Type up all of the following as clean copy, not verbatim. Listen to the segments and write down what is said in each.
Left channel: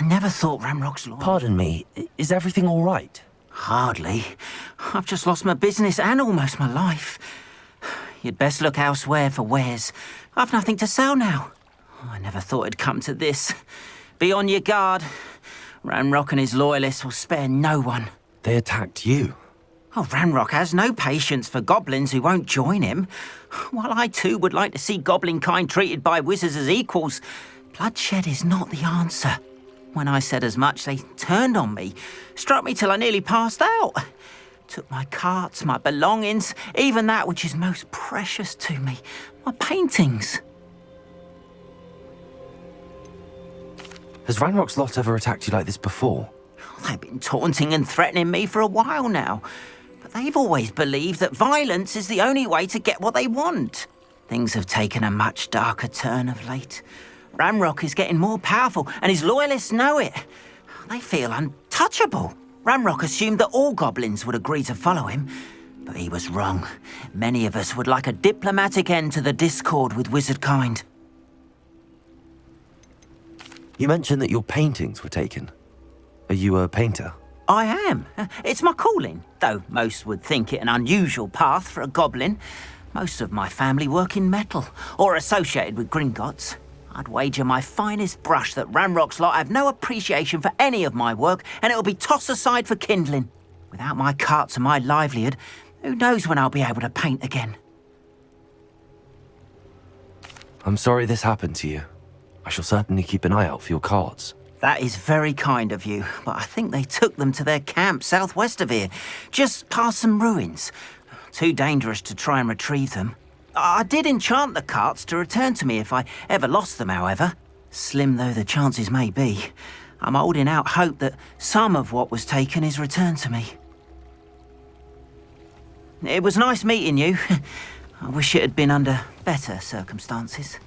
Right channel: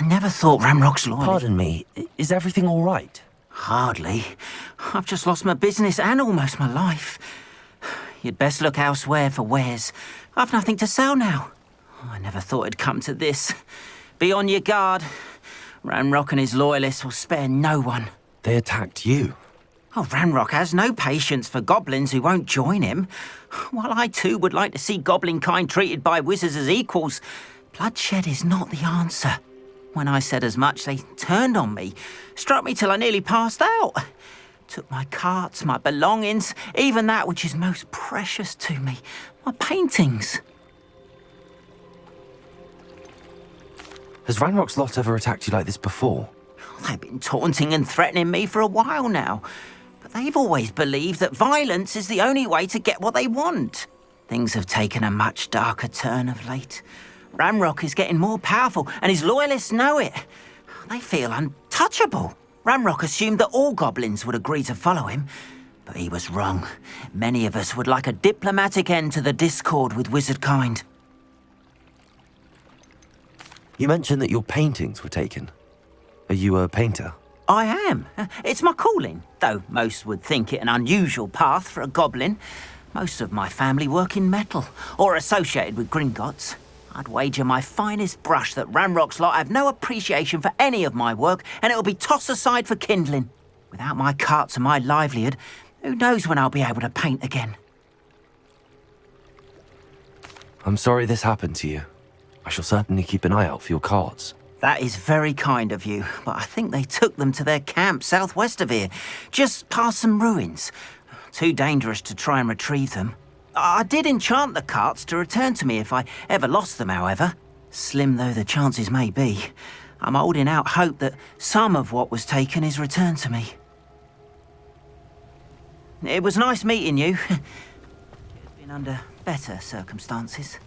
I never thought Ramrock's loyal. Pardon me, is everything all right? Hardly. I've just lost my business and almost my life. You'd best look elsewhere for wares. I've nothing to sell now. I never thought it'd come to this. Be on your guard. Ranrock and his loyalists will spare no one. They attacked you. Oh, Ranrock has no patience for goblins who won't join him. While I too would like to see goblin kind treated by wizards as equals, bloodshed is not the answer. When I said as much, they turned on me, struck me till I nearly passed out. Took my carts, my belongings, even that which is most precious to me, my paintings. Has Ranrock's lot ever attacked you like this before? They've been taunting and threatening me for a while now, but they've always believed that violence is the only way to get what they want. Things have taken a much darker turn of late. Ranrock is getting more powerful, and his loyalists know it. They feel untouchable. Ranrock assumed that all goblins would agree to follow him, but he was wrong. Many of us would like a diplomatic end to the discord with wizard kind. You mentioned that your paintings were taken. Are you a painter? I am. It's my calling, though most would think it an unusual path for a goblin. Most of my family work in metal, or associated with Gringotts. I'd wager my finest brush that Ranrock's lot have no appreciation for any of my work, and it'll be tossed aside for kindling. Without my carts and my livelihood, who knows when I'll be able to paint again? I'm sorry this happened to you. I shall certainly keep an eye out for your carts. That is very kind of you, but I think they took them to their camp southwest of here, just past some ruins. Too dangerous to try and retrieve them. I did enchant the carts to return to me if I ever lost them, however. Slim though the chances may be, I'm holding out hope that some of what was taken is returned to me. It was nice meeting you. I wish it had been under better circumstances.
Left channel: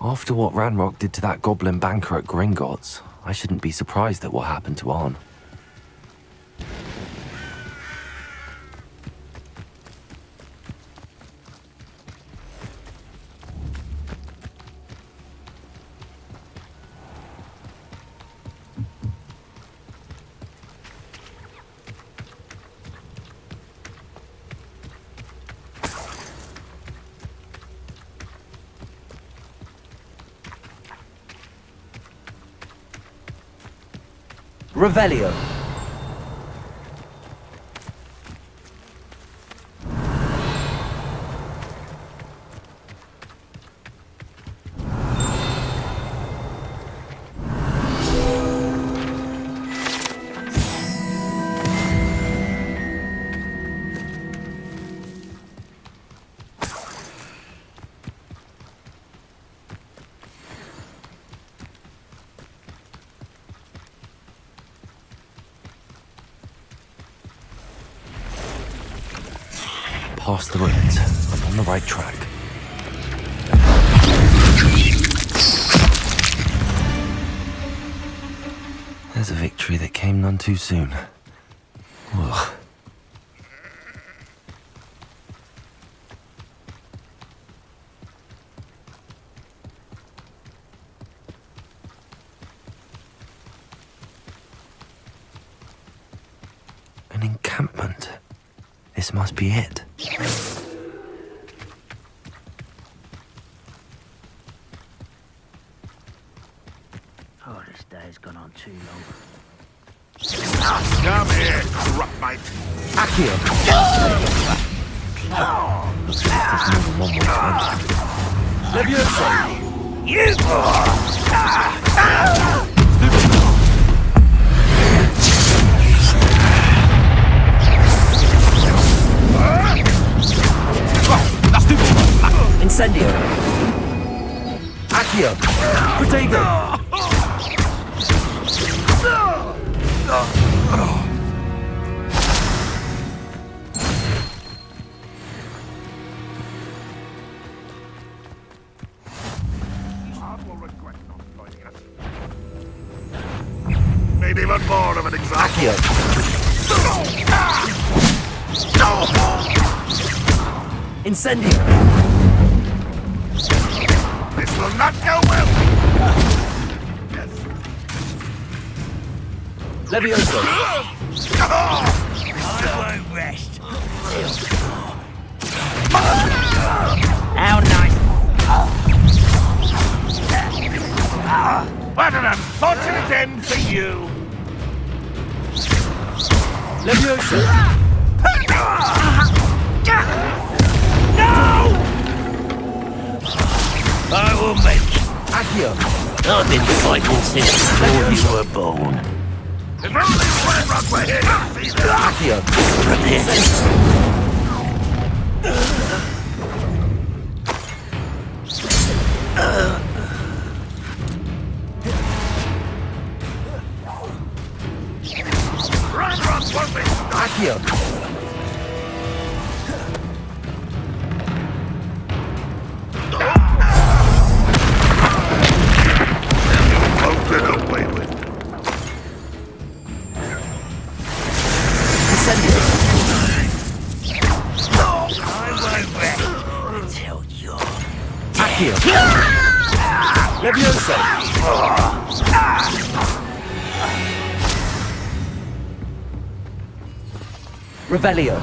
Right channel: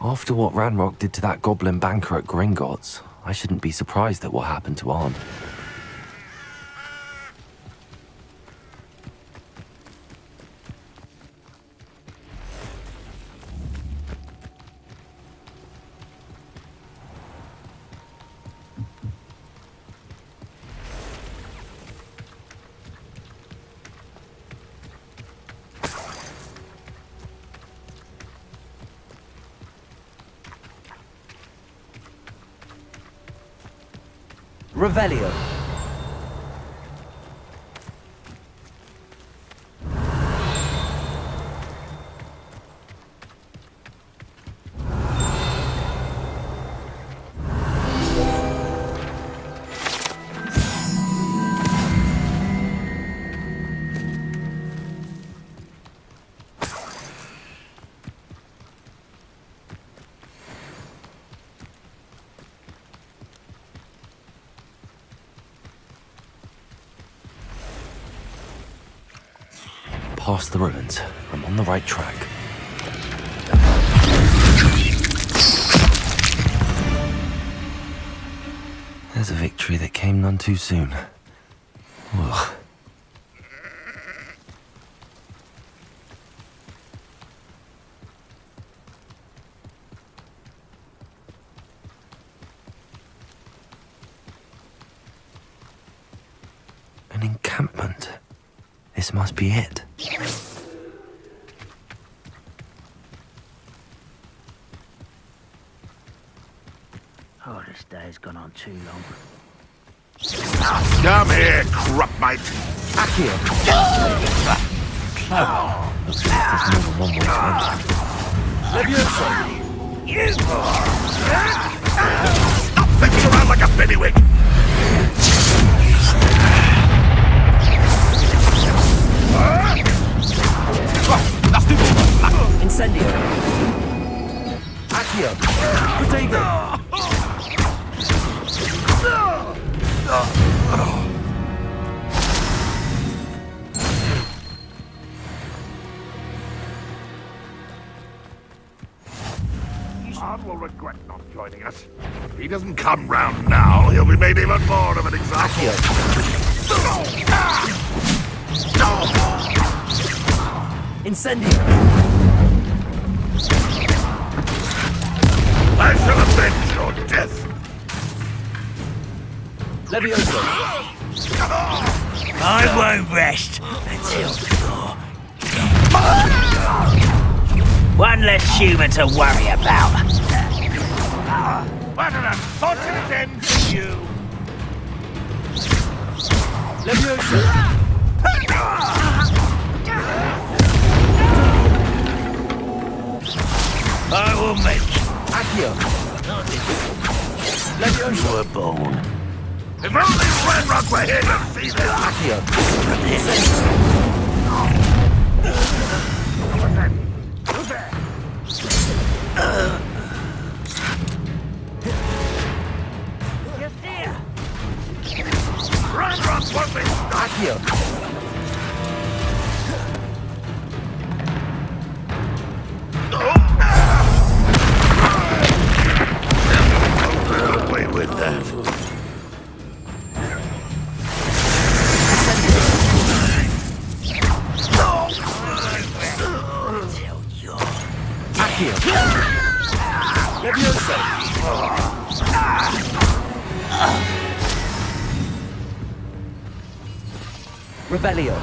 After what Ranrock did to that goblin banker at Gringotts, I shouldn't be surprised at what happened to Arn. Revelio. Past the ruins. I'm on the right track. There's a victory that came none too soon. Ugh. An encampment. This must be it. Oh, this day's gone on too long. Come here, crupmate. Accio! Looks like there's more than one way to enter. Leviosa! You! Step around like a pennywig. Incendio. Accio. Protego. Ard will regret not joining us. If he doesn't come round now, he'll be made even more of an example. Incendio. It will not go well. I shall avenge your death. Levioso! I won't rest until you're How nice. One less humour to worry about. What an unfortunate end for you! Levioso! I will make Accio! I've been fighting since you were born. If only Ranrock were here to see this! Accio! Ranrock won't be stopped! Accio! Won't get away with that. Until you're Accio! Levioso! Revelio!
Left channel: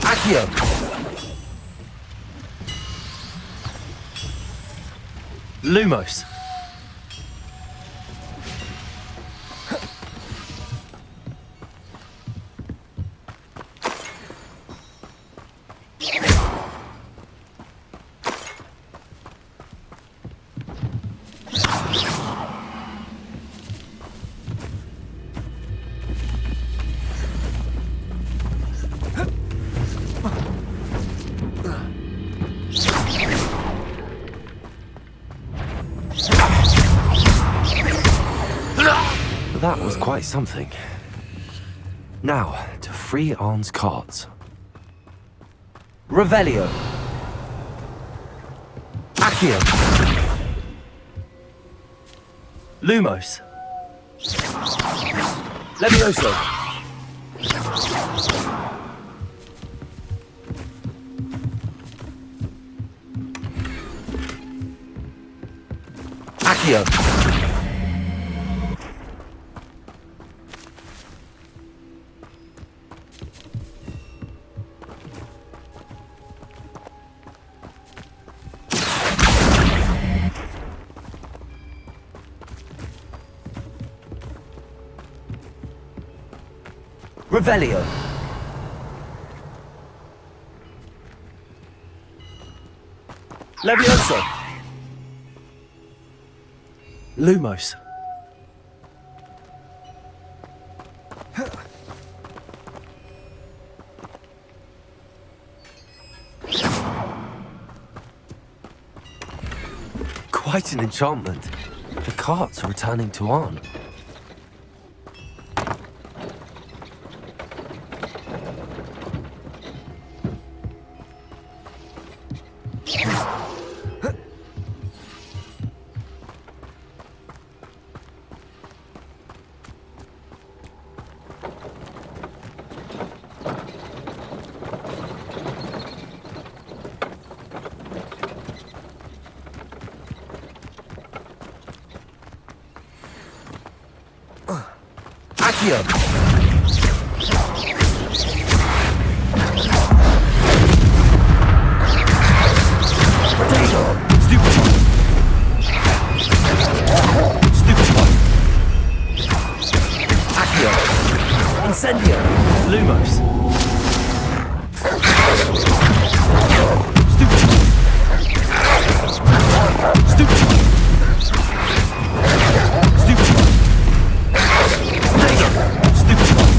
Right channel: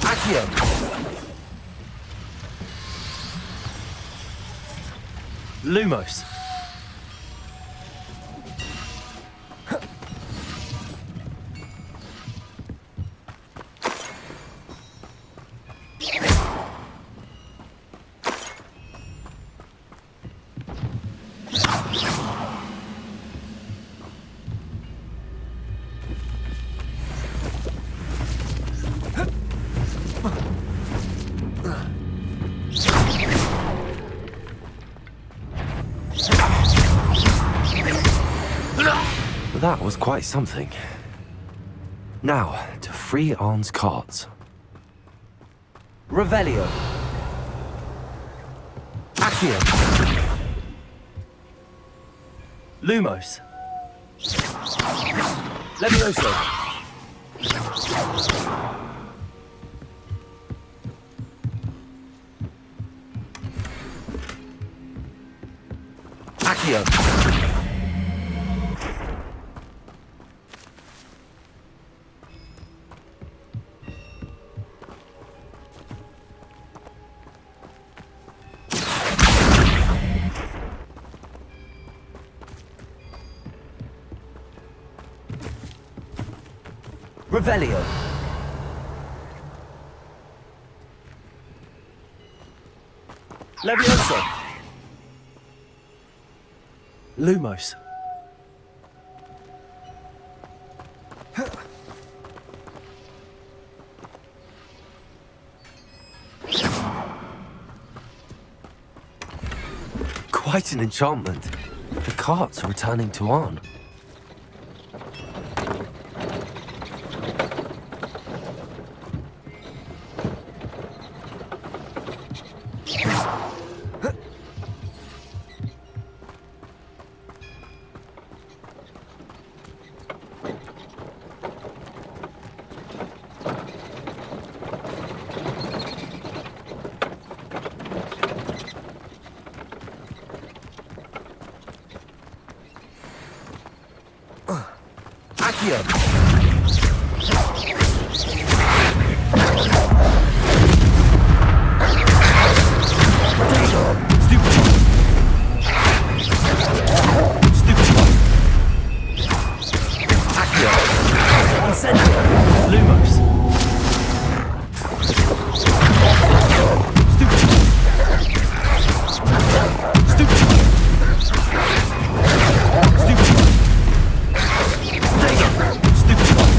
Accio! Lumos! That was quite something. Now, to free Arn's cards. Revelio! Accio! Lumos! Levioso! Accio! Revelio! Levioso! Lumos! Quite an enchantment. The carts are returning to Arn. Accio! Potato! Stupid one! Stupid one! Accio! Incendio! Lumos! Stupid one! Stupid one! Stupid one! Potato! Stupid one!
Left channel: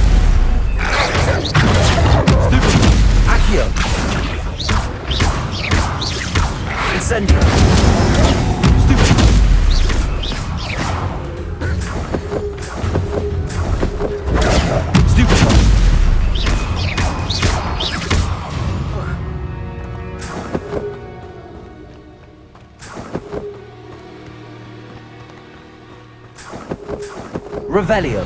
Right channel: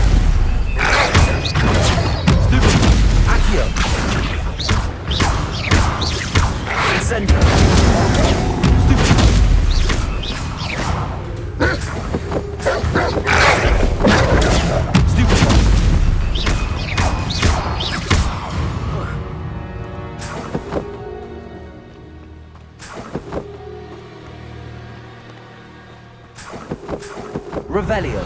Stupid one! Accio! Incendio! Stupid one! Stupid one! Revelio!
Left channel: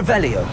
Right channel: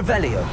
Revelio.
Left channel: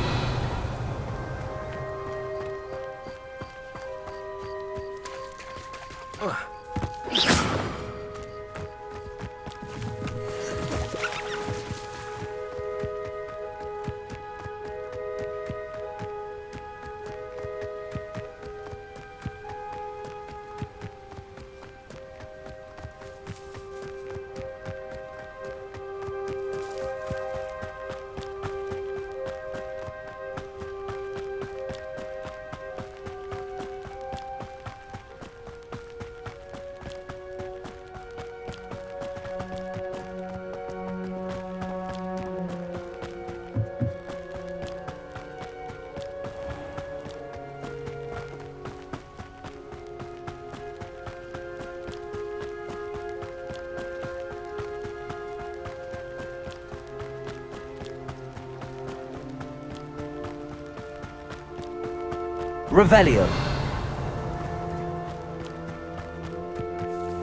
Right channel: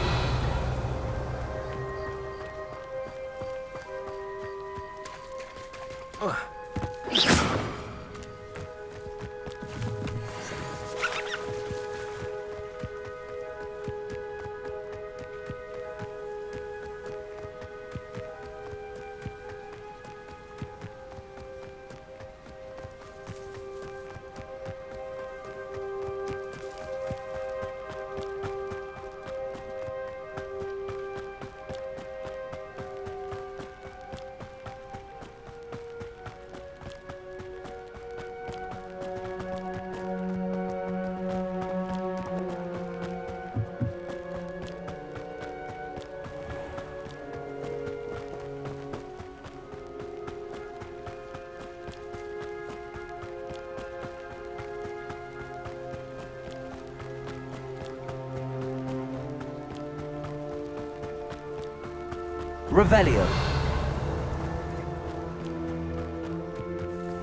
Revelio.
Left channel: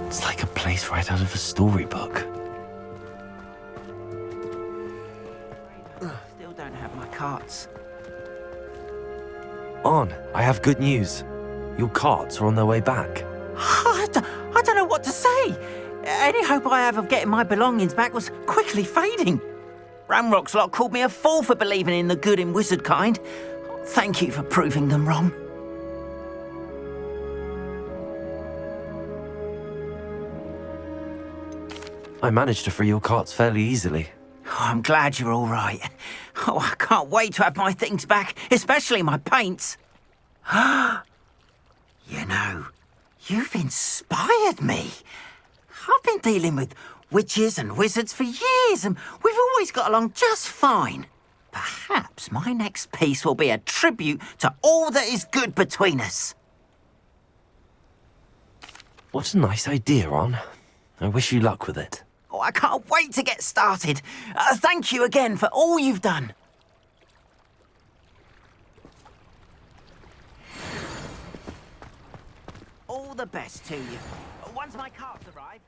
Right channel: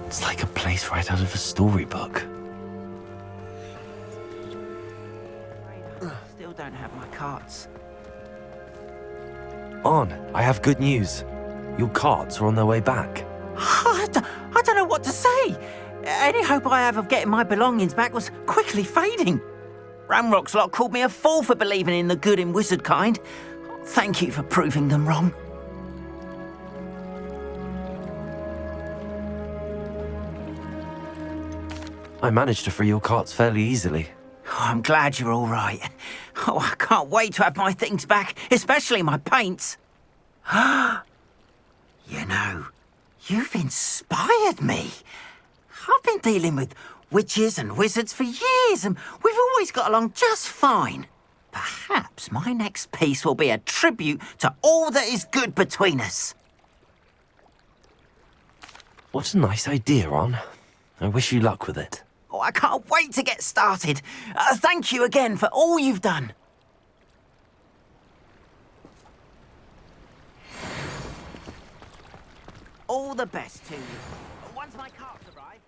It's like a place right out of a storybook. Still don't have my carts. On, I have good news. Your carts are on their way back. I don't know what to say. Any hope I have of getting my belongings back was quickly fading. Ramrock's lot called me a fool for believing in the good in wizard kind. Thank you for proving them wrong. I managed to free your carts fairly easily. Oh, I'm glad you're all right. Oh, I can't wait to have my things back, especially my paints. You know, you've inspired me. I've been dealing with witches and wizards for years, and we've always got along just fine. Perhaps my next piece will be a tribute to all that is good between us. What a nice idea, On. I wish you luck with it. Oh, I can't wait to get started. Thank you again for all you've done. All the best to you. Once my carts arrive...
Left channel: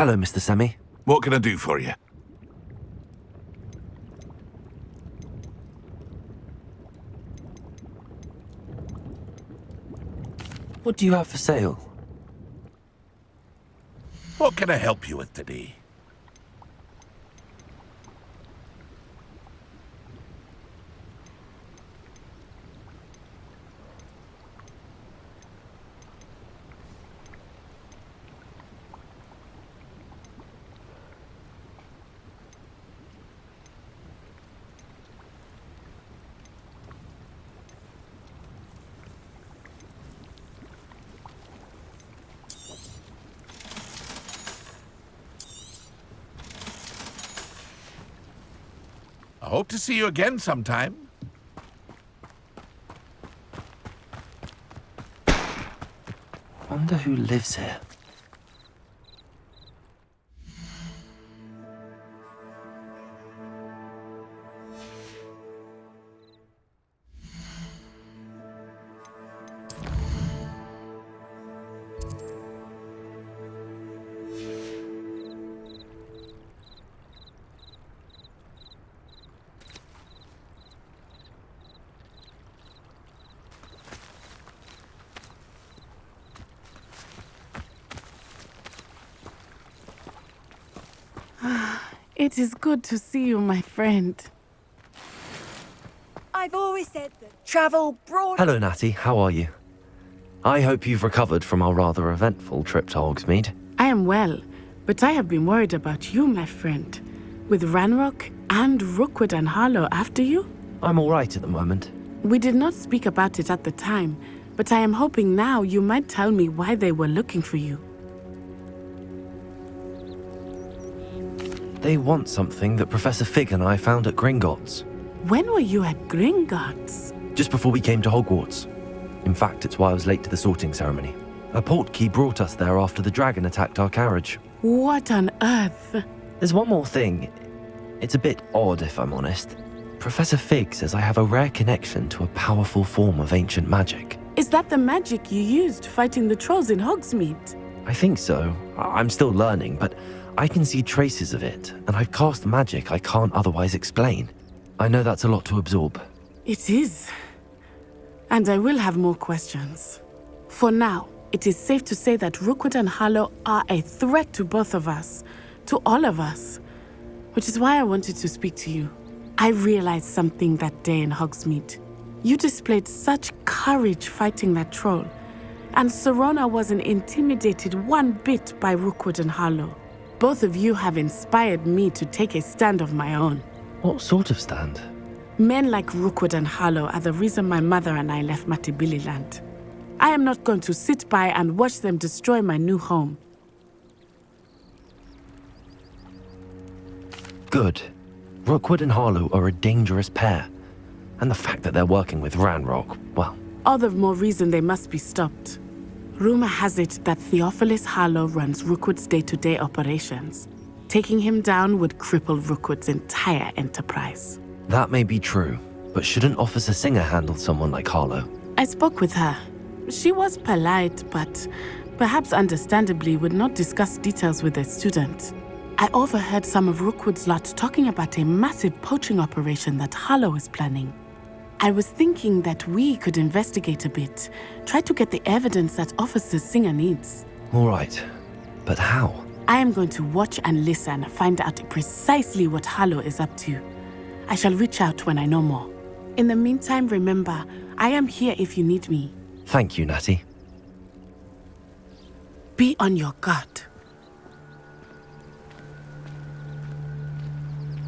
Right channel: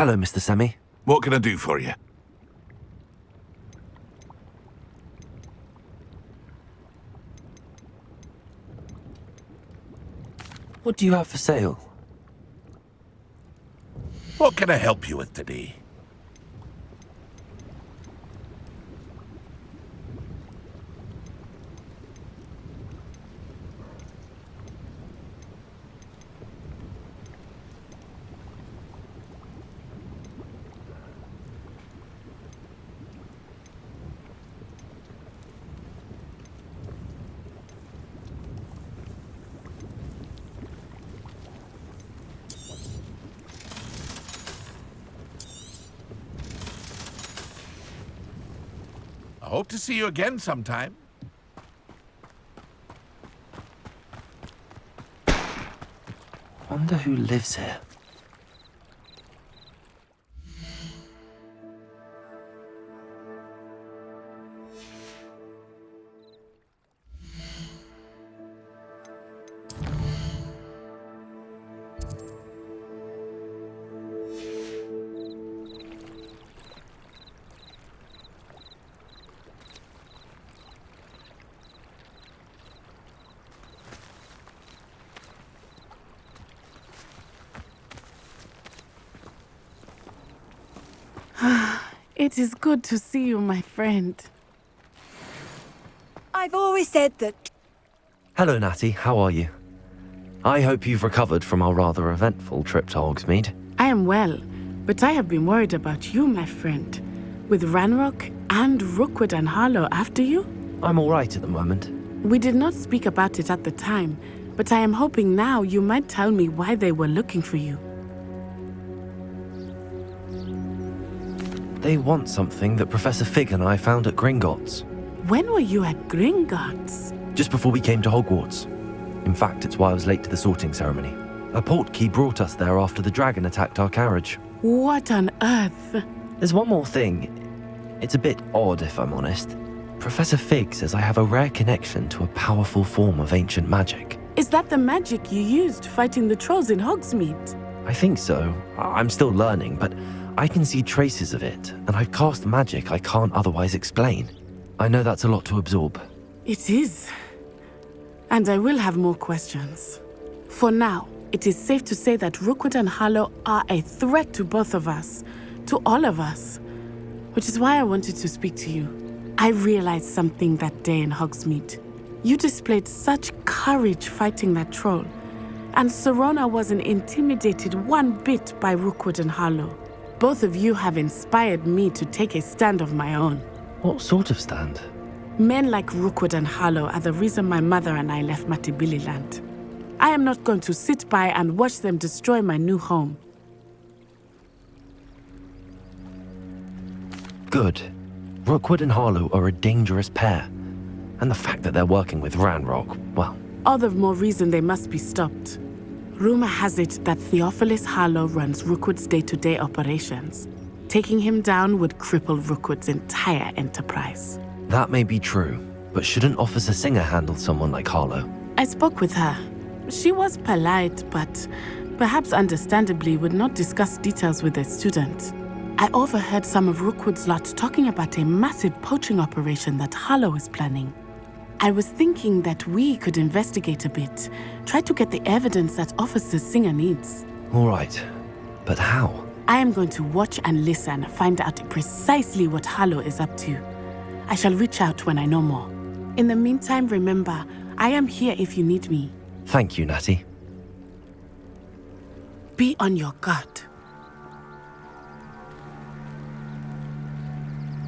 Hello, Mr. Semi. What can I do for you? What do you have for sale? What can I help you with today? I hope to see you again sometime. Wonder who lives here. It is good to see you, my friend. I've always said that travel brought... Hello, Natty. How are you? I hope you've recovered from our rather eventful trip to Hogsmeade. I am well, but I have been worried about you, my friend. With Ranrock and Rookwood and Harlow after you? I'm all right at the moment. We did not speak about it at the time, but I am hoping now you might tell me why they were looking for you. They want something that Professor Fig and I found at Gringotts. When were you at Gringotts? Just before we came to Hogwarts. In fact, it's why I was late to the sorting ceremony. A portkey brought us there after the dragon attacked our carriage. What on earth? There's one more thing. It's a bit odd, if I'm honest. Professor Fig says I have a rare connection to a powerful form of ancient magic. Is that the magic you used fighting the trolls in Hogsmeade? I think so. I'm still learning, but I can see traces of it, and I've cast magic I can't otherwise explain. I know that's a lot to absorb. It is. And I will have more questions. For now, it is safe to say that Rookwood and Harlow are a threat to both of us, to all of us, which is why I wanted to speak to you. I realized something that day in Hogsmeade. You displayed such courage fighting that troll, and Serona wasn't intimidated one bit by Rookwood and Harlow. Both of you have inspired me to take a stand of my own. What sort of stand? Men like Rookwood and Harlow are the reason my mother and I left Matabeleland. I am not going to sit by and watch them destroy my new home. Good. Rookwood and Harlow are a dangerous pair. And the fact that they're working with Ranrock, well... All the more reason they must be stopped. Rumor has it that Theophilus Harlow runs Rookwood's day-to-day operations. Taking him down would cripple Rookwood's entire enterprise. That may be true, but shouldn't Officer Singer handle someone like Harlow? I spoke with her. She was polite, but perhaps understandably would not discuss details with a student. I overheard some of Rookwood's lot talking about a massive poaching operation that Harlow is planning. I was thinking that we could investigate a bit, try to get the evidence that Officer Singer needs. All right, but how? I am going to watch and listen, find out precisely what Harlow is up to. I shall reach out when I know more. In the meantime, remember, I am here if you need me. Thank you, Natty. Be on your guard.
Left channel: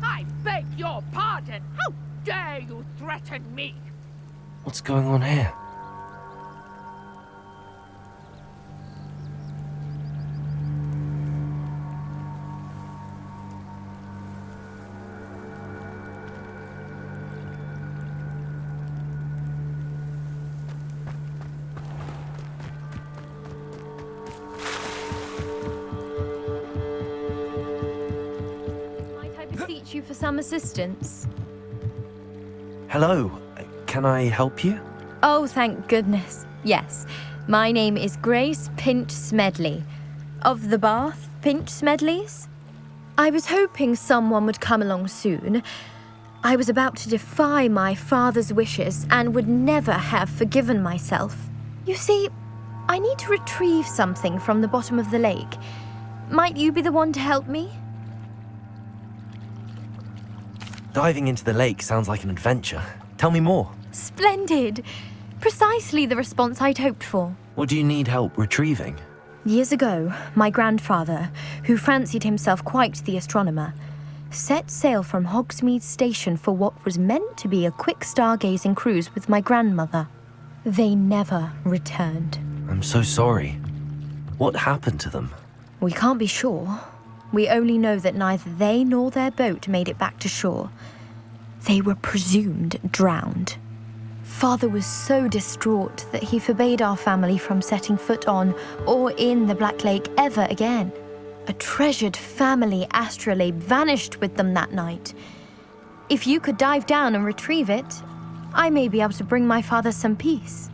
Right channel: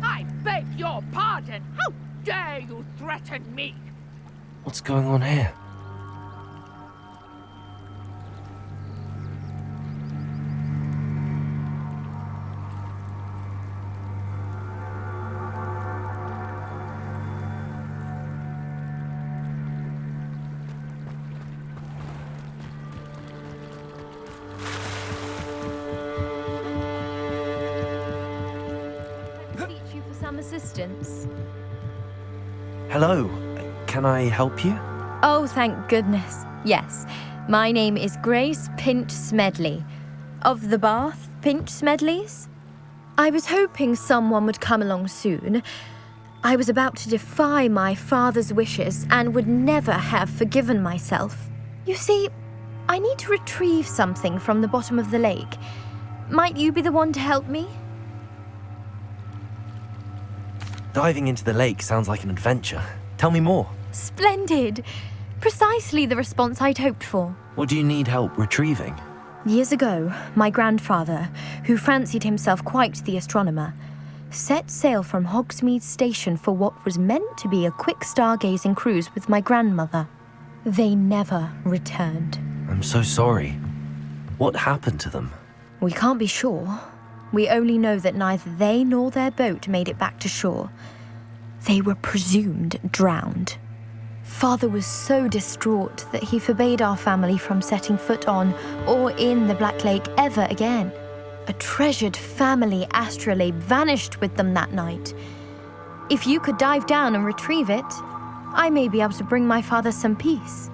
I beg your pardon. How dare you threaten me? What's going on here? Beseech you for some assistance. Hello, can I help you? Oh, thank goodness. Yes, my name is Grace Pint Smedley. Of the Bath, pinch Smedleys? I was hoping someone would come along soon. I was about to defy my father's wishes and would never have forgiven myself. You see, I need to retrieve something from the bottom of the lake. Might you be the one to help me? Diving into the lake sounds like an adventure. Tell me more. Splendid! Precisely the response I'd hoped for. What do you need help retrieving? Years ago, my grandfather, who fancied himself quite the astronomer, set sail from Hogsmeade Station for what was meant to be a quick stargazing cruise with my grandmother. They never returned. I'm so sorry. What happened to them? We can't be sure. We only know that neither they nor their boat made it back to shore. They were presumed drowned. Father was so distraught that he forbade our family from setting foot on or in the Black Lake ever again. A treasured family astrolabe vanished with them that night. If you could dive down and retrieve it, I may be able to bring my father some peace.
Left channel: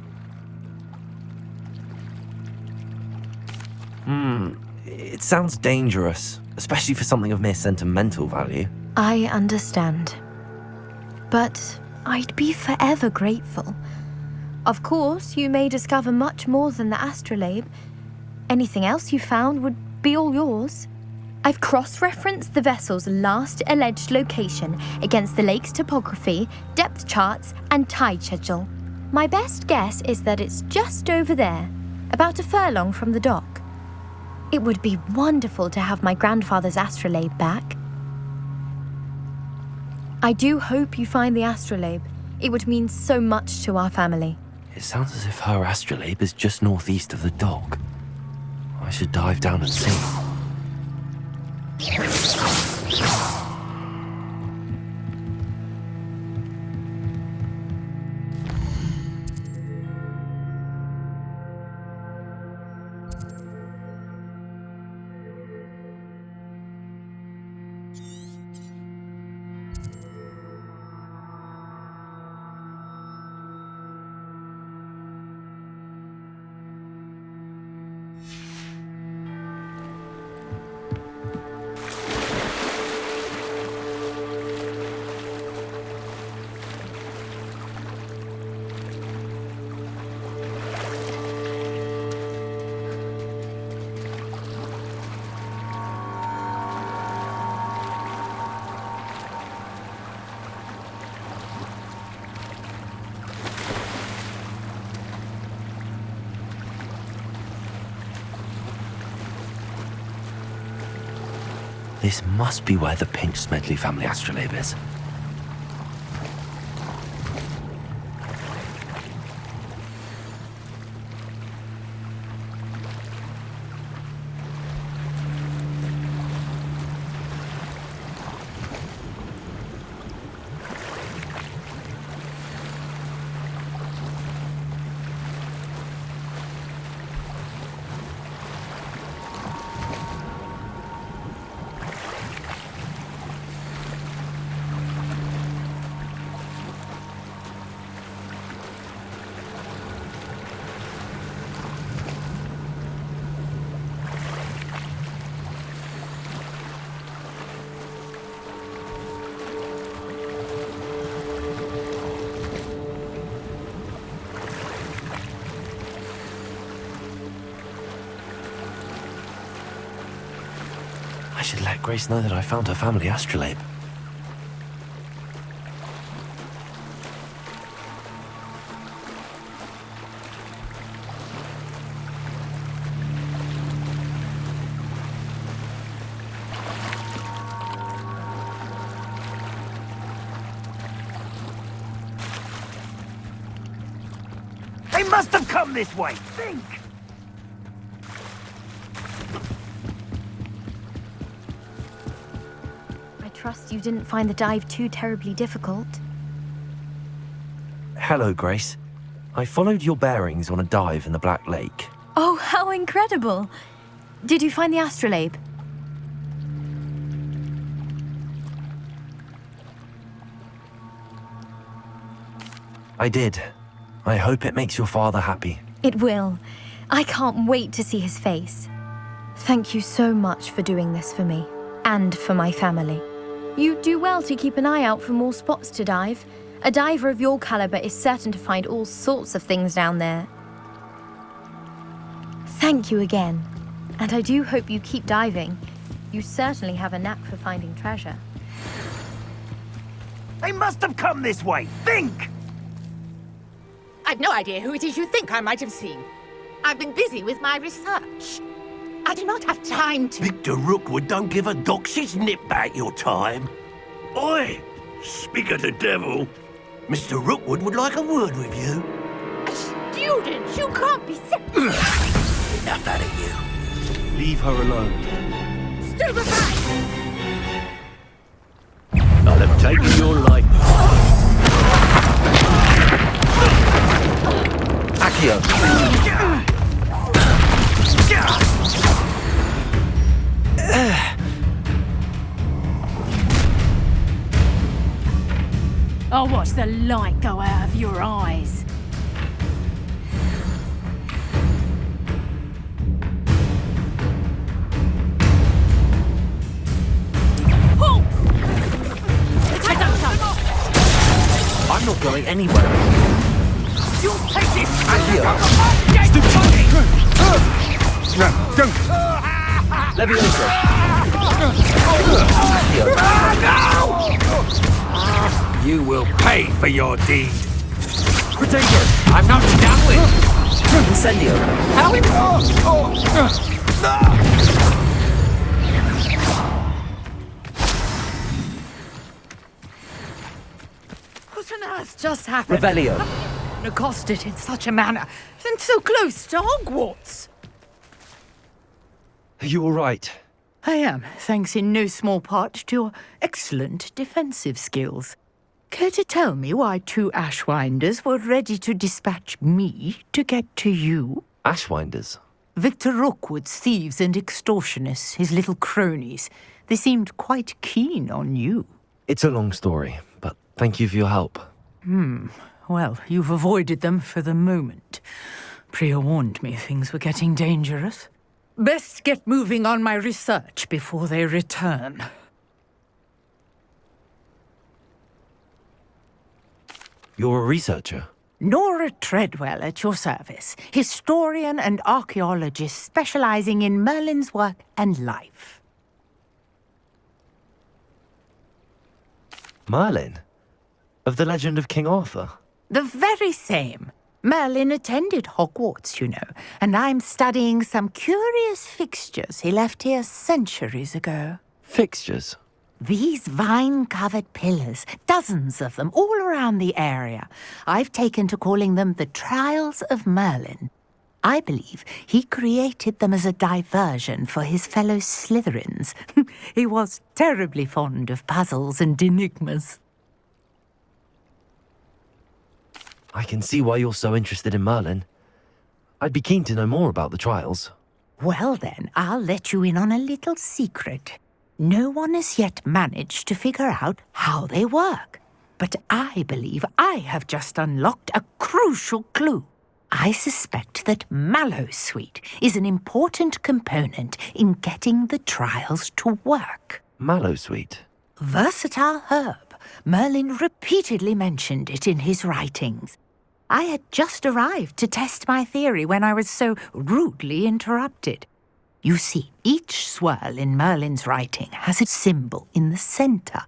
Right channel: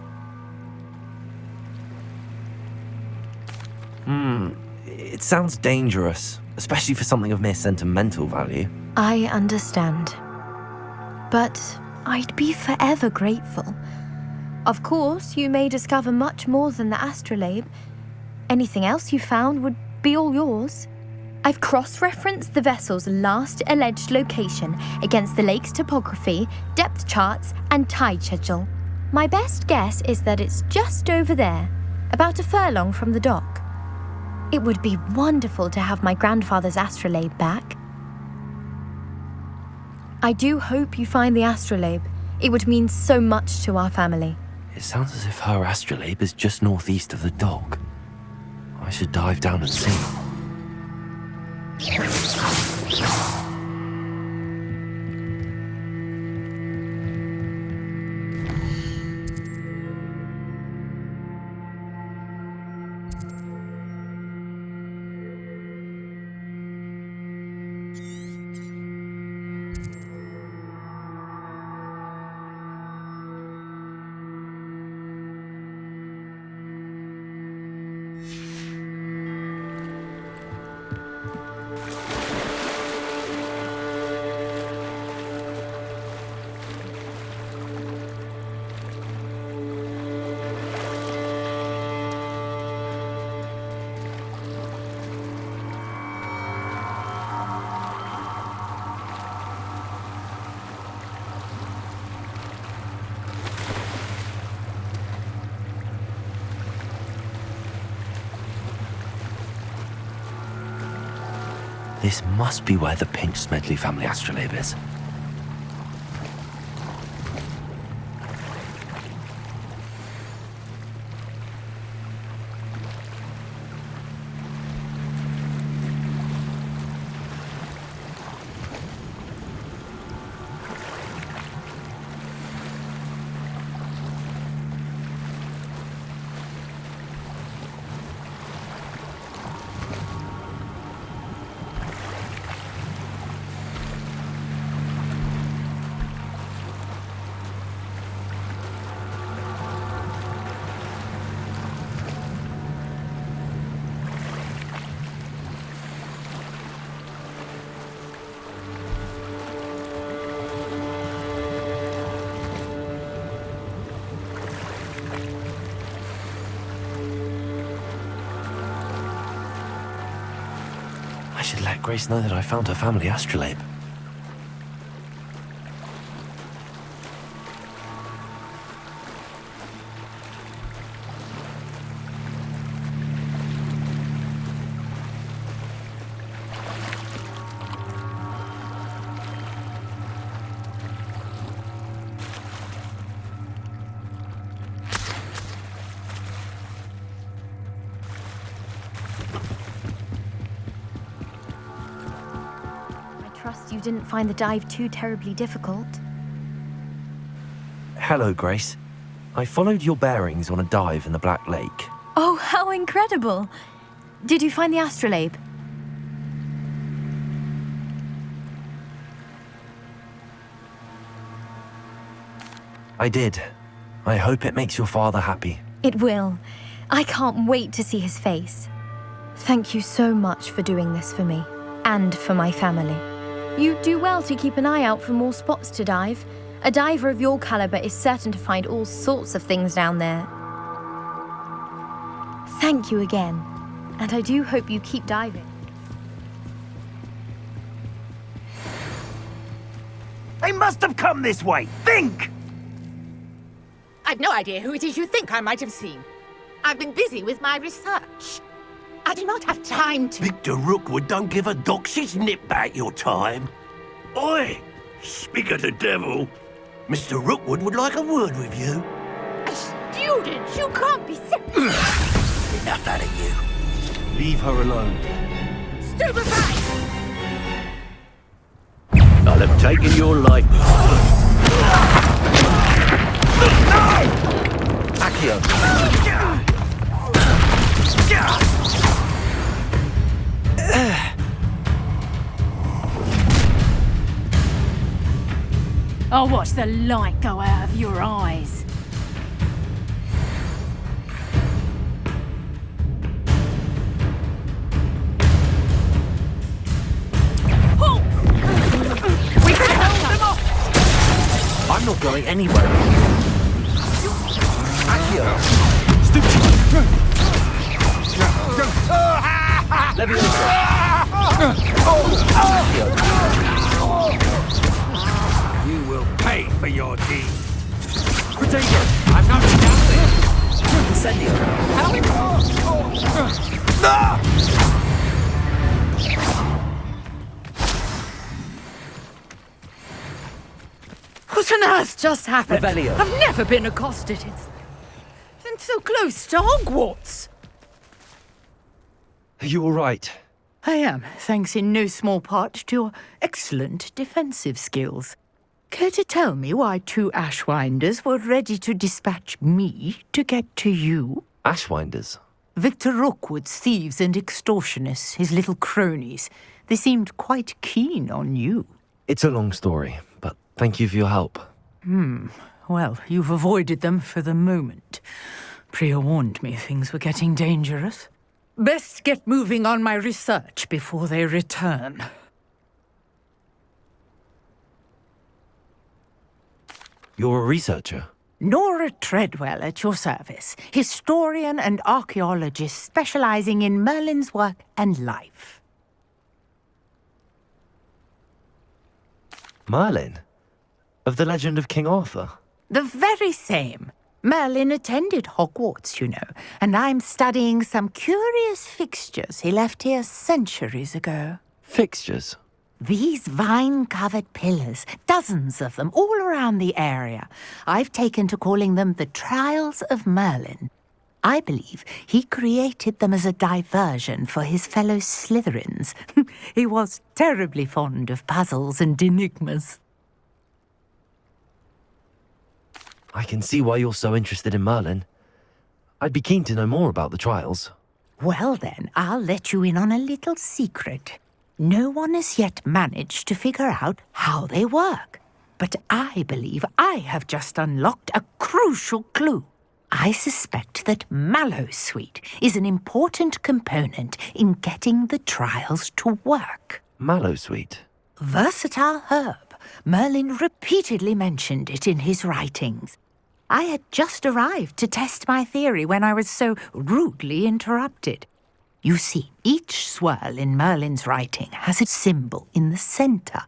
It sounds dangerous, especially for something of mere sentimental value. I understand. But I'd be forever grateful. Of course, you may discover much more than the astrolabe. Anything else you found would be all yours. I've cross-referenced the vessel's last alleged location against the lake's topography, depth charts, and tide schedule. My best guess is that it's just over there, about a furlong from the dock. It would be wonderful to have my grandfather's astrolabe back. I do hope you find the astrolabe. It would mean so much to our family. It sounds as if her astrolabe is just northeast of the dock. I should dive down and see. This must be where the Pinch Smedley family astrolabe is. I should let Grace know that I found her family astrolabe. They must have come this way. Think! I trust you didn't find the dive too terribly difficult. Hello, Grace. I followed your bearings on a dive in the Black Lake. Oh, how incredible! Did you find the astrolabe? I did. I hope it makes your father happy. It will. I can't wait to see his face. Thank you so much for doing this for me, and for my family. You do well to keep an eye out for more spots to dive. A diver of your caliber is certain to find all sorts of things down there. Thank you again, and I do hope you keep diving. You certainly have a knack for finding treasure. They must have come this way. Think! I've no idea who it is you think I might have seen. I've been busy with my research. I do not have time to... Victor Rookwood don't give a doxy's nip back your time. Oi! Speak of the devil. Mr. Rookwood would like a word with you. A student? You can't be serious. Enough out of you. Leave her alone. Stupefy! I'll have taken your life. Accio. I'll watch the light go out of your eyes. Halt! I'm not going anywhere. Accio. You will pay for your deed. Potato. I'm not done with. Incendio. What on earth just happened? Revelio. I've never been accosted in such a manner, and so close to Hogwarts. Are you all right? I am, thanks in no small part to your excellent defensive skills. Care to tell me why two Ashwinders were ready to dispatch me to get to you? Ashwinders. Victor Rookwood's thieves and extortionists, his little cronies. They seemed quite keen on you. It's a long story, but thank you for your help. Well, you've avoided them for the moment. Priya warned me things were getting dangerous. Best get moving on my research before they return. You're a researcher? Nora Treadwell at your service, historian and archaeologist specializing in Merlin's work and life. Merlin? Of the legend of King Arthur? The very same. Merlin attended Hogwarts, you know, and I'm studying some curious fixtures he left here centuries ago. Fixtures? These vine-covered pillars, dozens of them, all around the area. I've taken to calling them the Trials of Merlin. I believe he created them as a diversion for his fellow Slytherins. He was terribly fond of puzzles and enigmas. I can see why you're so interested in Merlin. I'd be keen to know more about the trials. Well then, I'll let you in on a little secret. No one has yet managed to figure out how they work. But I believe I have just unlocked a crucial clue. I suspect that Mallowsweet is an important component in getting the trials to work. Mallowsweet? Versatile herb. Merlin repeatedly mentioned it in his writings. I had just arrived to test my theory when I was so rudely interrupted. You see, each swirl in Merlin's writing has a symbol in the center.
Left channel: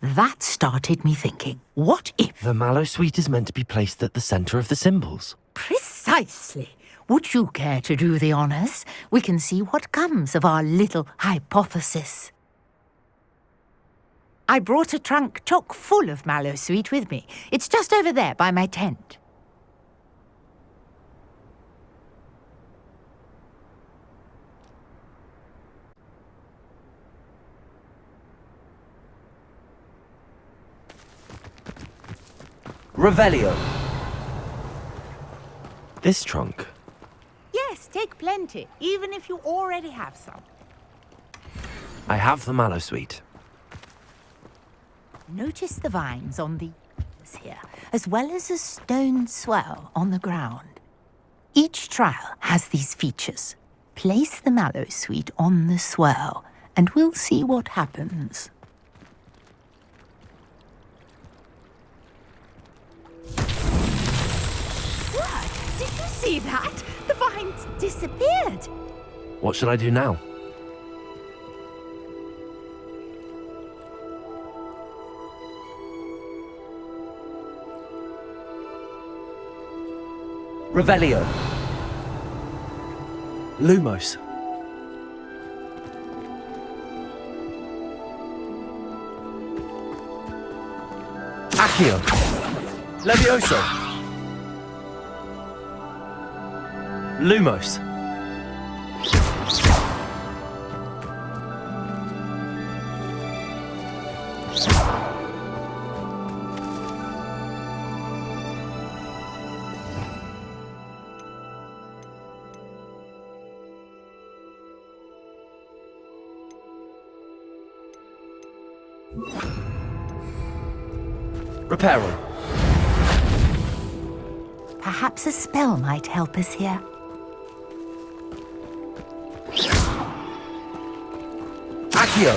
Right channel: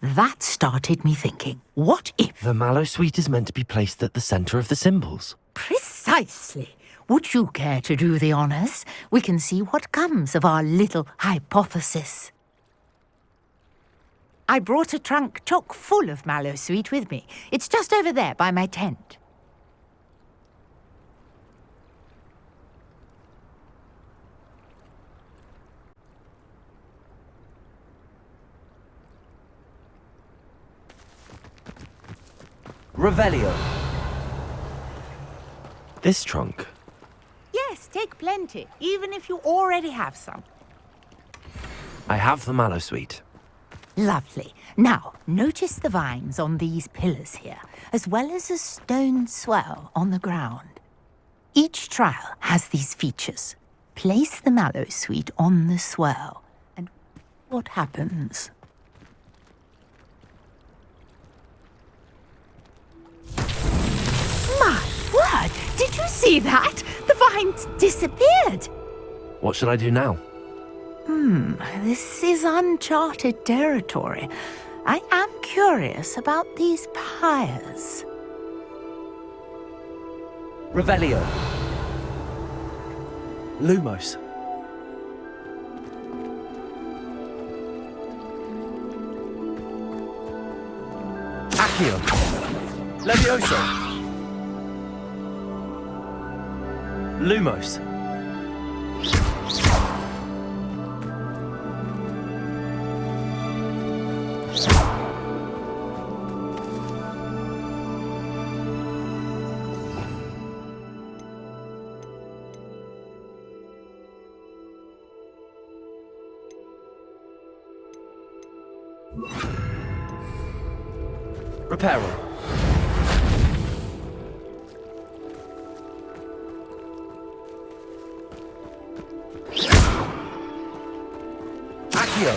That started me thinking, what if... The Mallowsweet is meant to be placed at the center of the symbols. Precisely. Would you care to do the honors? We can see what comes of our little hypothesis. I brought a trunk chock full of Mallowsweet with me. It's just over there by my tent. Revelio. This trunk? Yes, take plenty, even if you already have some. I have the Mallowsweet. Lovely. Now, notice the vines on these pillars here, as well as a stone swell on the ground. Each trial has these features. Place the mallow sweet on the swirl, and we'll see what happens. My word! Did you see that? The vines disappeared! What should I do now? This is uncharted territory. I am curious about these pyres. Revelio. Lumos. Accio. Levioso. Lumos. Reparo. Perhaps a spell might help us here. Accio.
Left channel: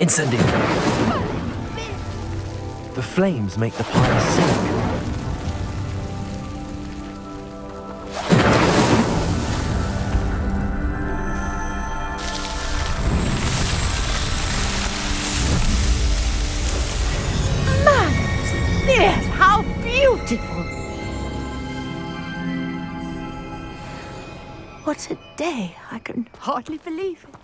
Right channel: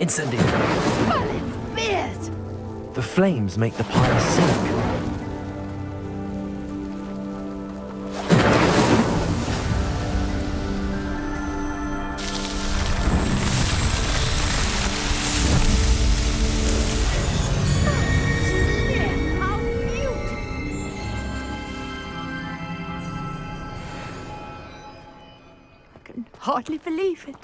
Incendio. The flames make the pyre sink. Yes, how beautiful! What a day! I can hardly believe it.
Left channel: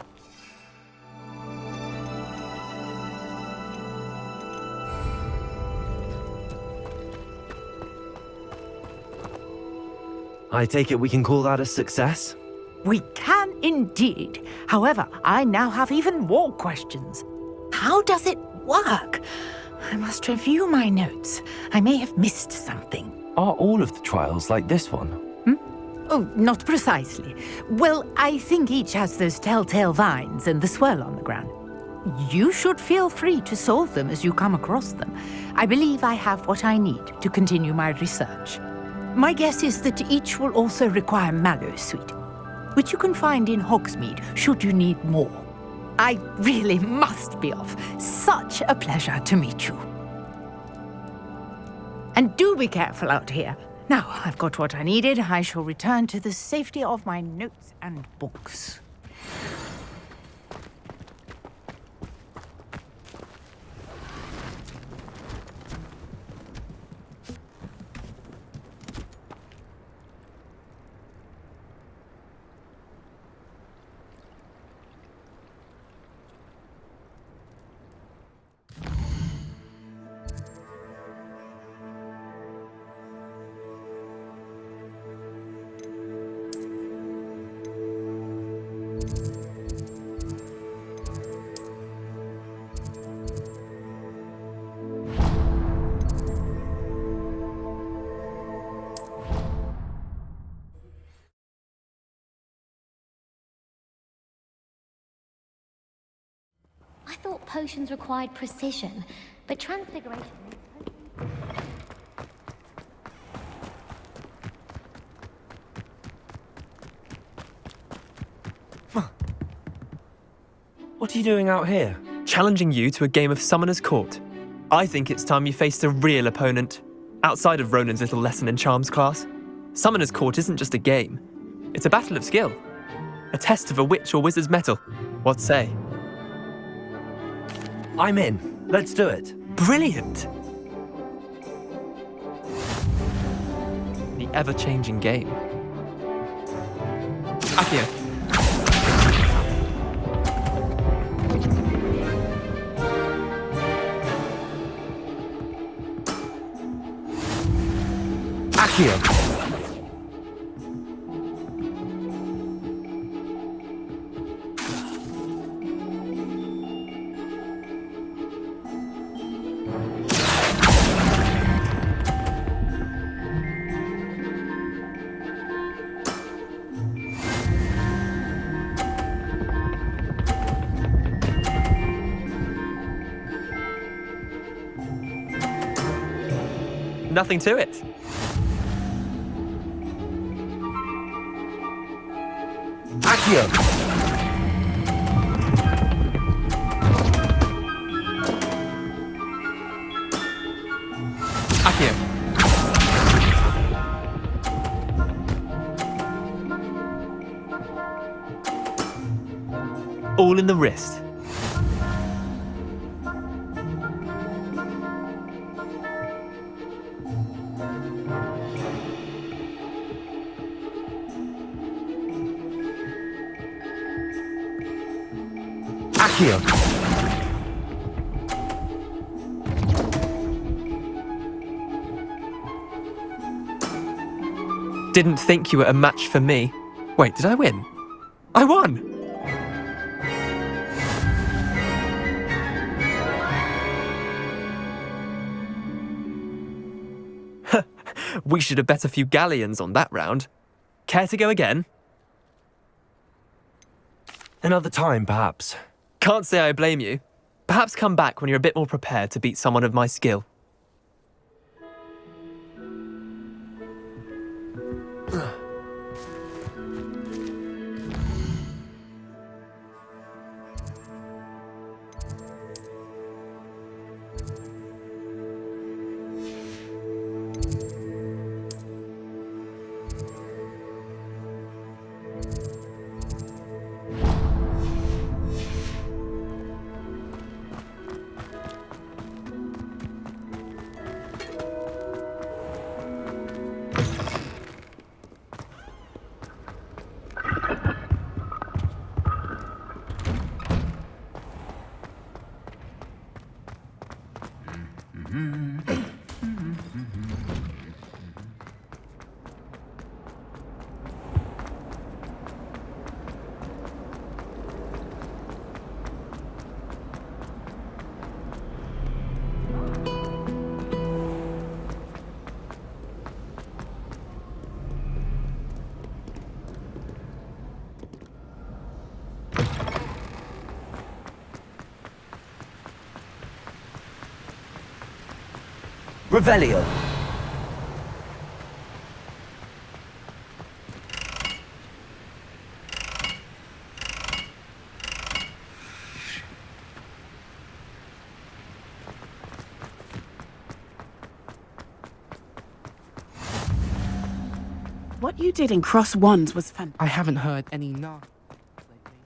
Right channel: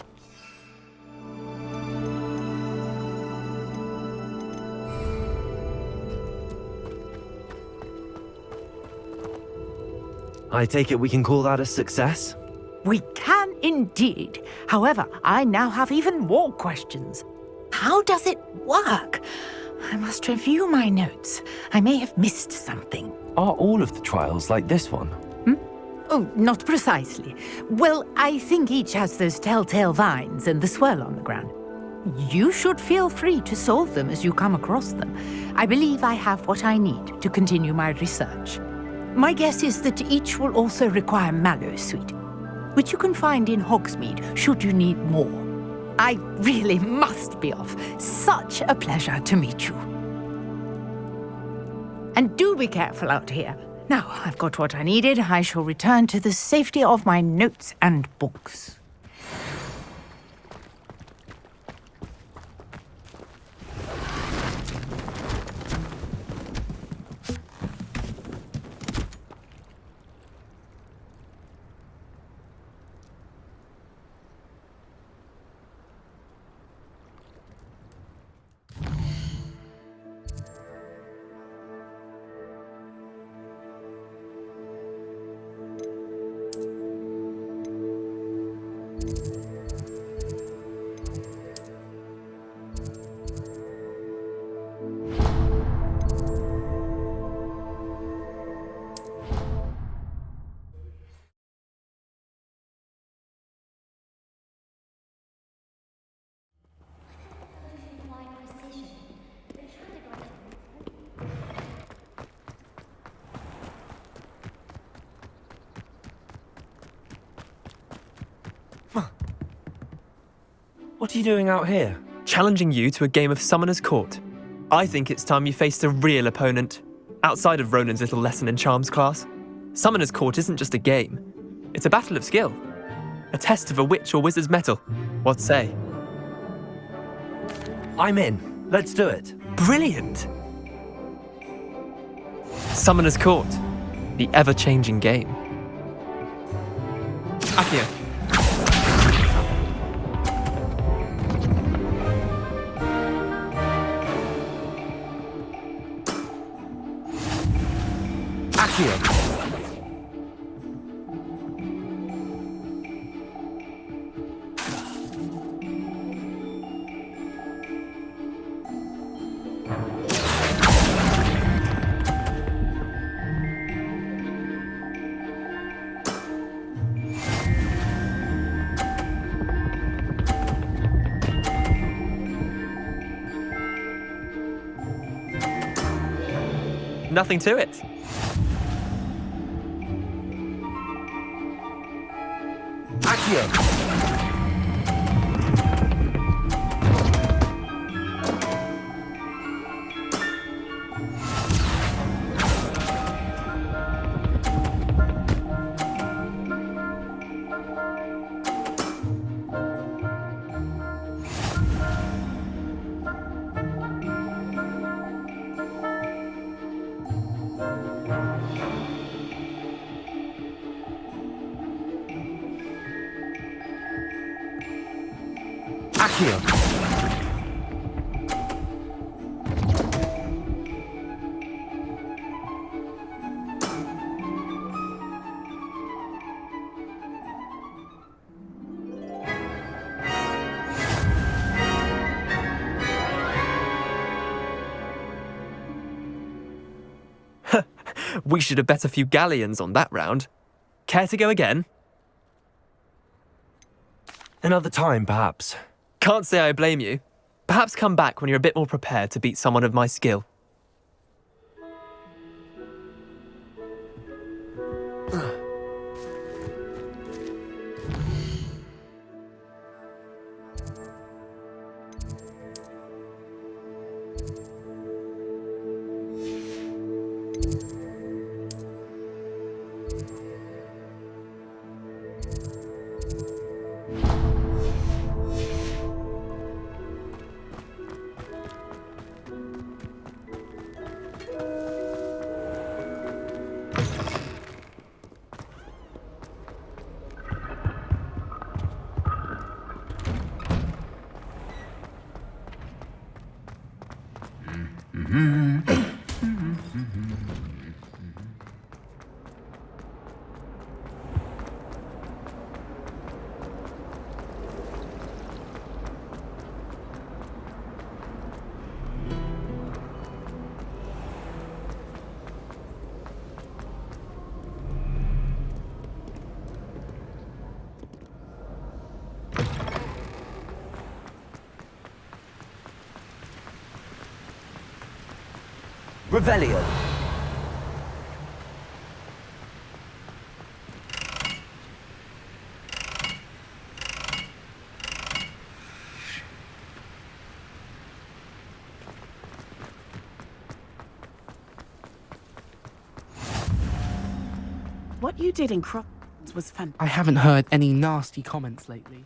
I take it we can call that a success? We can indeed. However, I now have even more questions. How does it work? I must review my notes. I may have missed something. Are all of the trials like this one? Oh, not precisely. Well, I think each has those telltale vines and the swirl on the ground. You should feel free to solve them as you come across them. I believe I have what I need to continue my research. My guess is that each will also require mallow sweet, which you can find in Hogsmeade should you need more. I really must be off. Such a pleasure to meet you. And do be careful out here. Now, I've got what I needed. I shall return to the safety of my notes and books. I thought potions required precision, but transfiguration... What are you doing out here? Challenging you to a game of Summoner's Court. I think it's time you faced a real opponent, outside of Ronan's little lesson in charms class. Summoner's Court isn't just a game. It's a battle of skill. A test of a witch or wizard's mettle. What say? I'm in. Let's do it. Brilliant! Summoner's Court. The ever-changing game. Accio. Accio. Nothing to it. Accio! All in the wrist. Accio! Didn't think you were a match for me. Wait, did I win? I won! We should have bet a few galleons on that round. Care to go again? Another time, perhaps. Can't say I blame you. Perhaps come back when you're a bit more prepared to beat someone of my skill. Revelio. What you did in Cross Wands was fantastic. I haven't heard any nasty comments lately.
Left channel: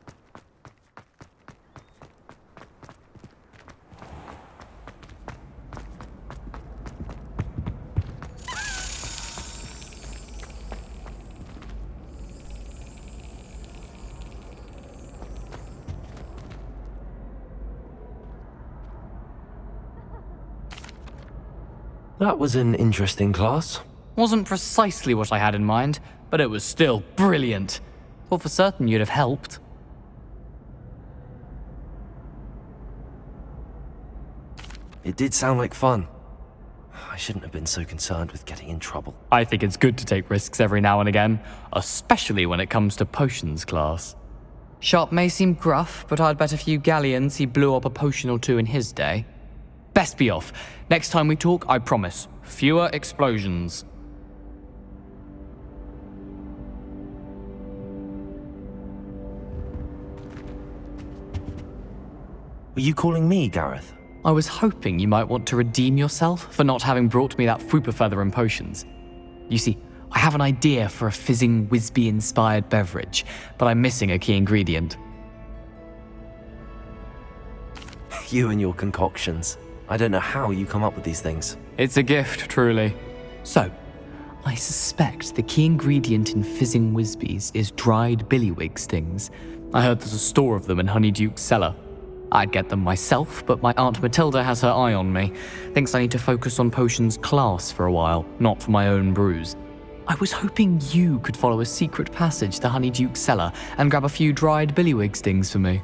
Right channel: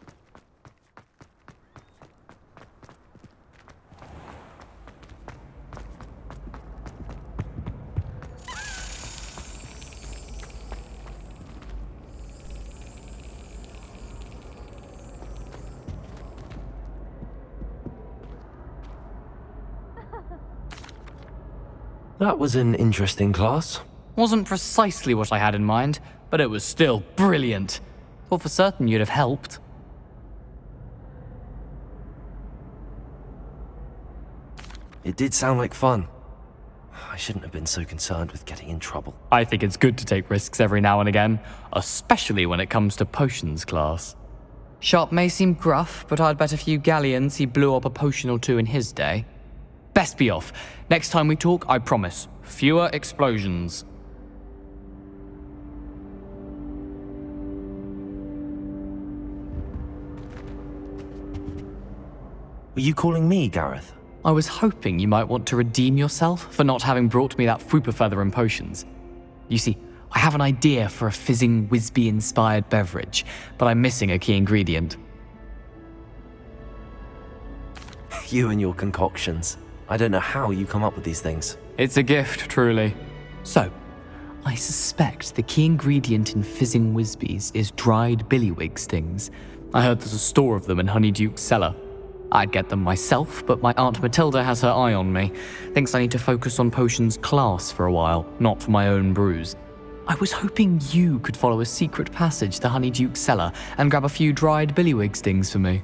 That was an interesting class. Wasn't precisely what I had in mind, but it was still brilliant. Thought for certain you'd have helped. It did sound like fun. I shouldn't have been so concerned with getting in trouble. I think it's good to take risks every now and again, especially when it comes to potions class. Sharp may seem gruff, but I'd bet a few galleons he blew up a potion or two in his day. Best be off. Next time we talk, I promise, fewer explosions. Were you calling me, Gareth? I was hoping you might want to redeem yourself for not having brought me that Fupa Feather and potions. You see, I have an idea for a fizzing Wisby-inspired beverage, but I'm missing a key ingredient. You and your concoctions. I don't know how you come up with these things. It's a gift, truly. So, I suspect the key ingredient in fizzing Wisbies is dried billywig stings. I heard there's a store of them in Honeyduke's cellar. I'd get them myself, but my Aunt Matilda has her eye on me. Thinks I need to focus on potions class for a while, not for my own brews. I was hoping you could follow a secret passage to Honeyduke's cellar and grab a few dried billywig stings for me.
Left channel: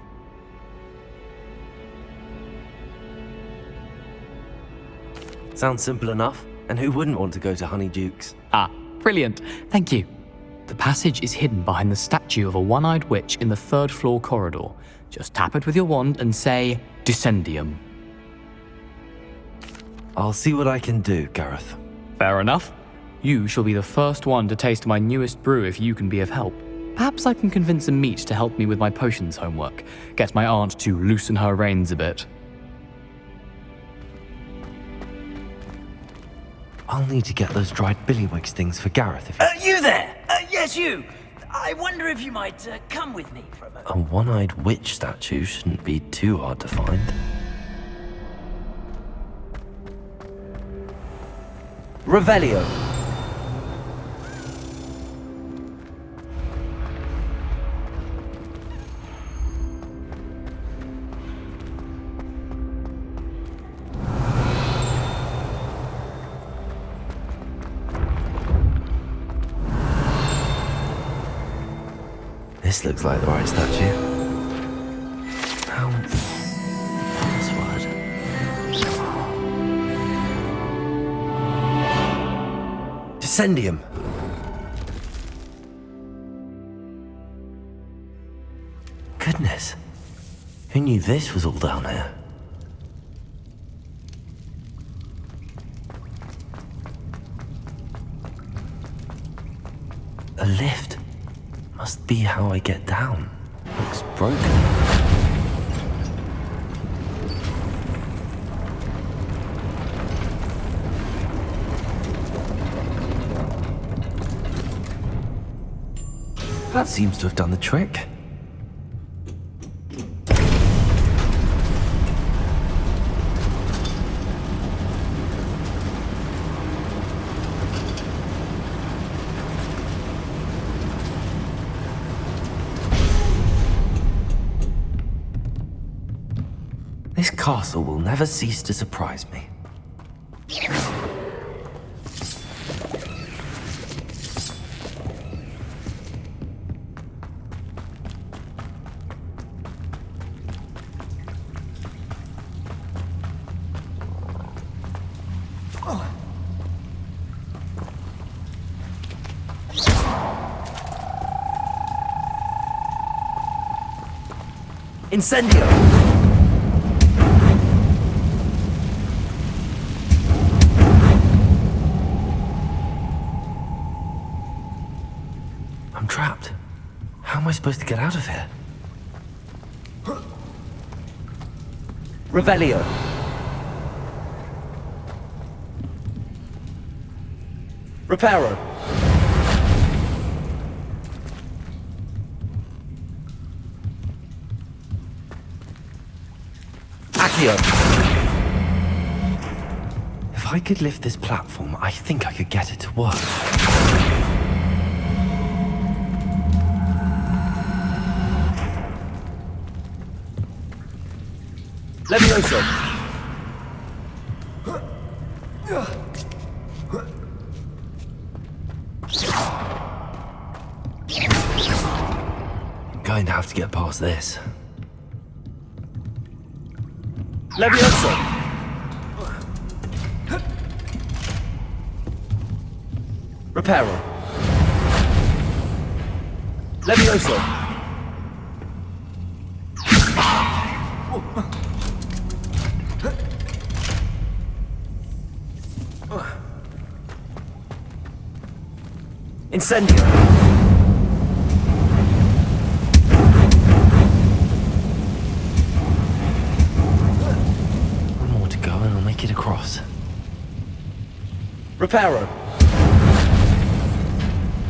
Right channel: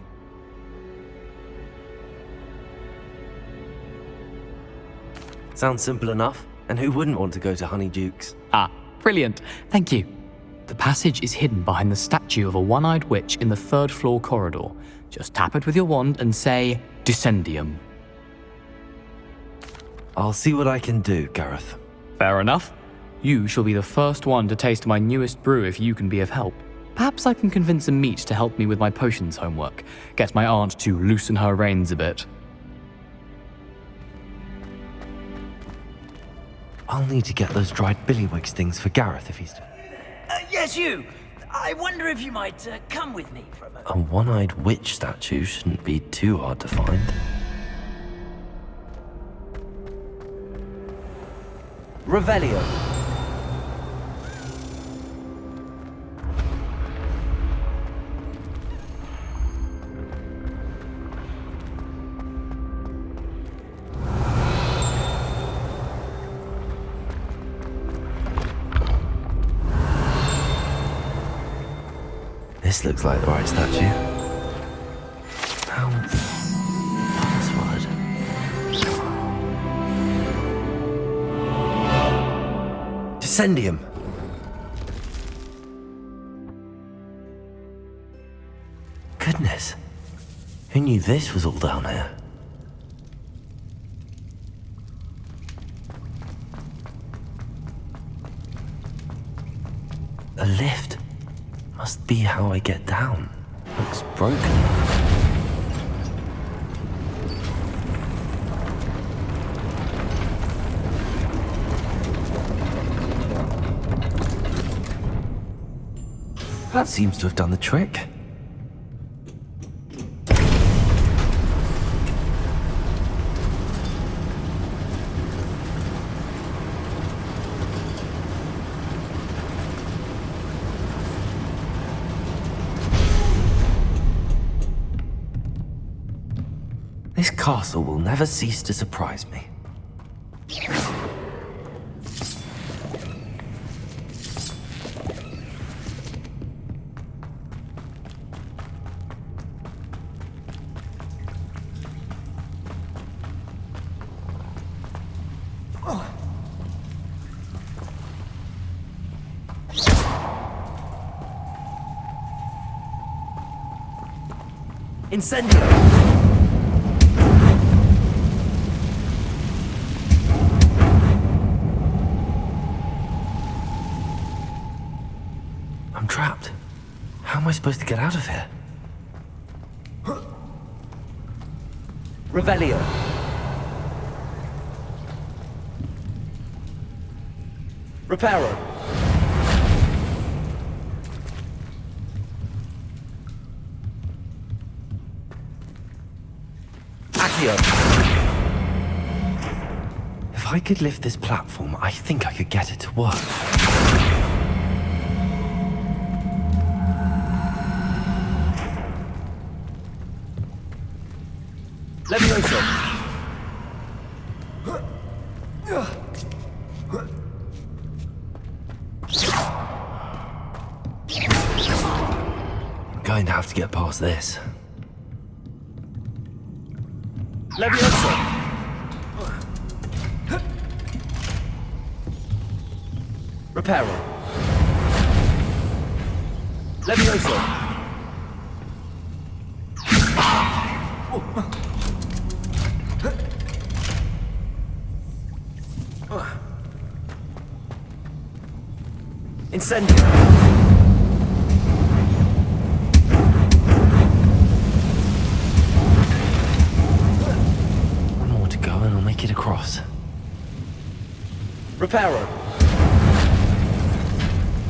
Sounds simple enough. And who wouldn't want to go to Honeyduke's? Ah, brilliant. Thank you. The passage is hidden behind the statue of a one-eyed witch in the third-floor corridor. Just tap it with your wand and say, Descendium. I'll see what I can do, Gareth. Fair enough. You shall be the first one to taste my newest brew if you can be of help. Perhaps I can convince a meat to help me with my potions homework, get my aunt to loosen her reins a bit. I'll need to get those dried billywigs things for Gareth if you... You there? Yes, you. I wonder if you might come with me for a moment. A one-eyed witch statue shouldn't be too hard to find. Revelio. This looks like the right statue. Password. Descendium. Goodness. Who knew this was all down here? A lift. Must be how I get down. Looks broken. That seems to have done the trick. This castle will never cease to surprise me. Incendio! I'm trapped. How am I supposed to get out of here? Revelio. Reparo. Accio. If I could lift this platform, I think I could get it to work. Levioso. I'm going to have to get past this. Levioso. Reparo. Levioso. Incendio. One more to go and I'll make it across. Reparo.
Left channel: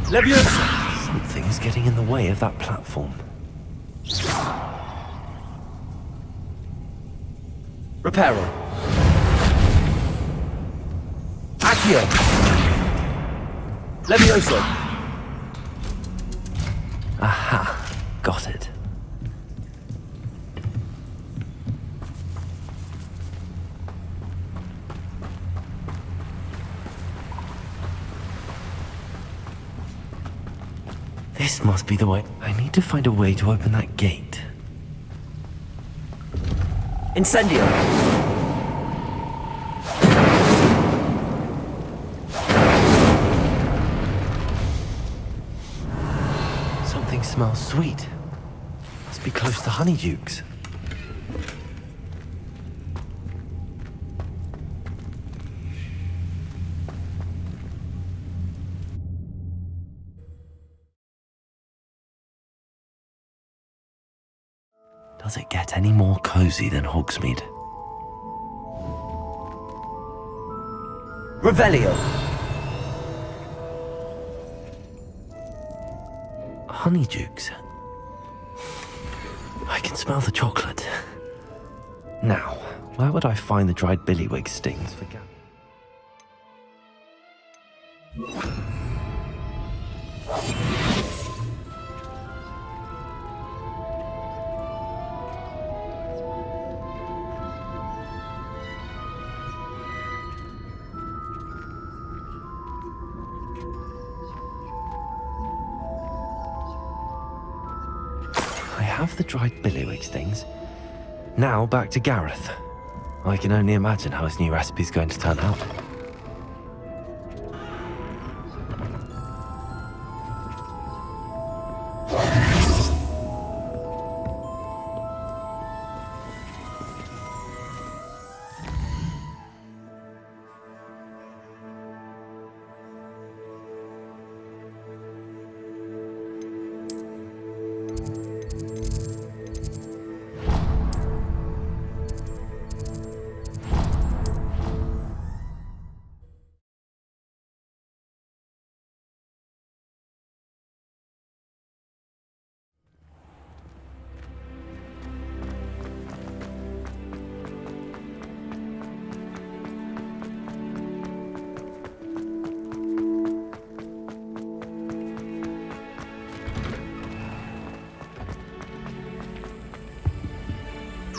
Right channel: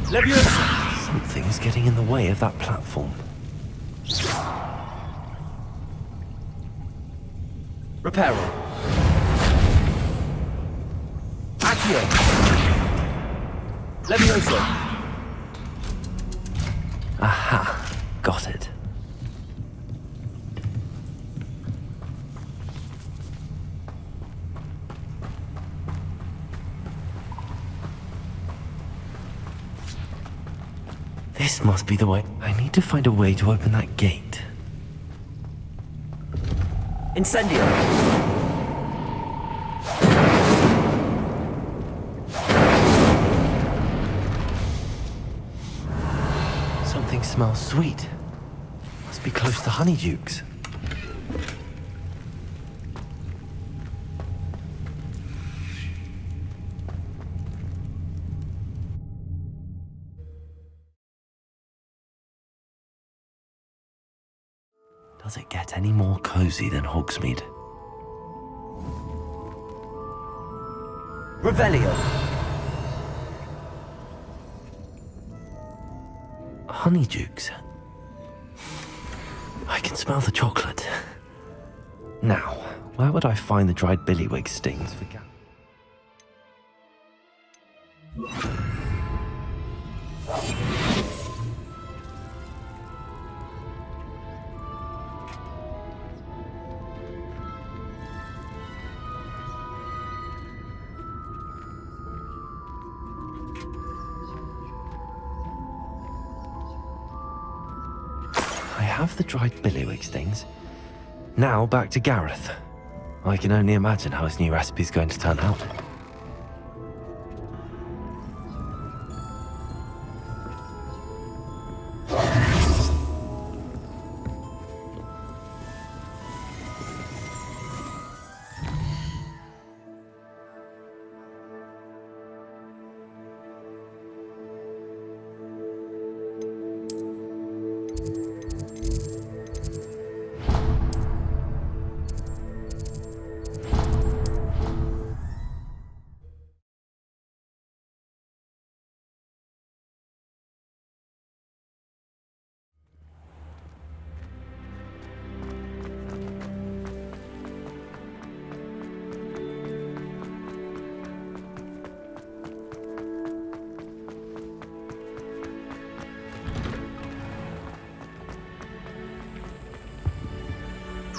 Levioso. Something's getting in the way of that platform. Reparo. Accio. Levioso. Aha, got it. This must be the way. I need to find a way to open that gate. Incendio. Something smells sweet. Must be close to Honeydukes. Does it get any more cozy than Hogsmeade? Revelio. Honeydukes. I can smell the chocolate. Now, where would I find the dried billywig stings for Gareth? I have the dried billywig stings. Now back to Gareth. I can only imagine how his new recipe's going to turn out.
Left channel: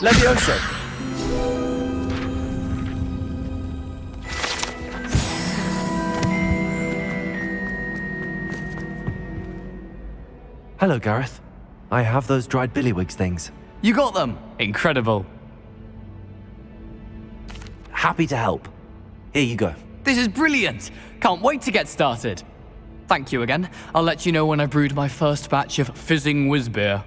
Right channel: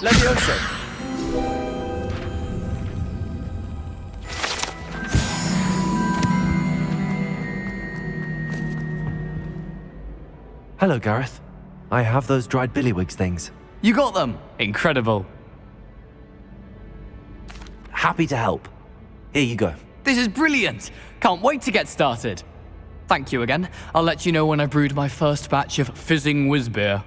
Levioso! Hello, Gareth. I have those dried billywig things. You got them! Incredible. Happy to help. Here you go. This is brilliant! Can't wait to get started. Thank you again. I'll let you know when I brewed my first batch of fizzing whizbeer.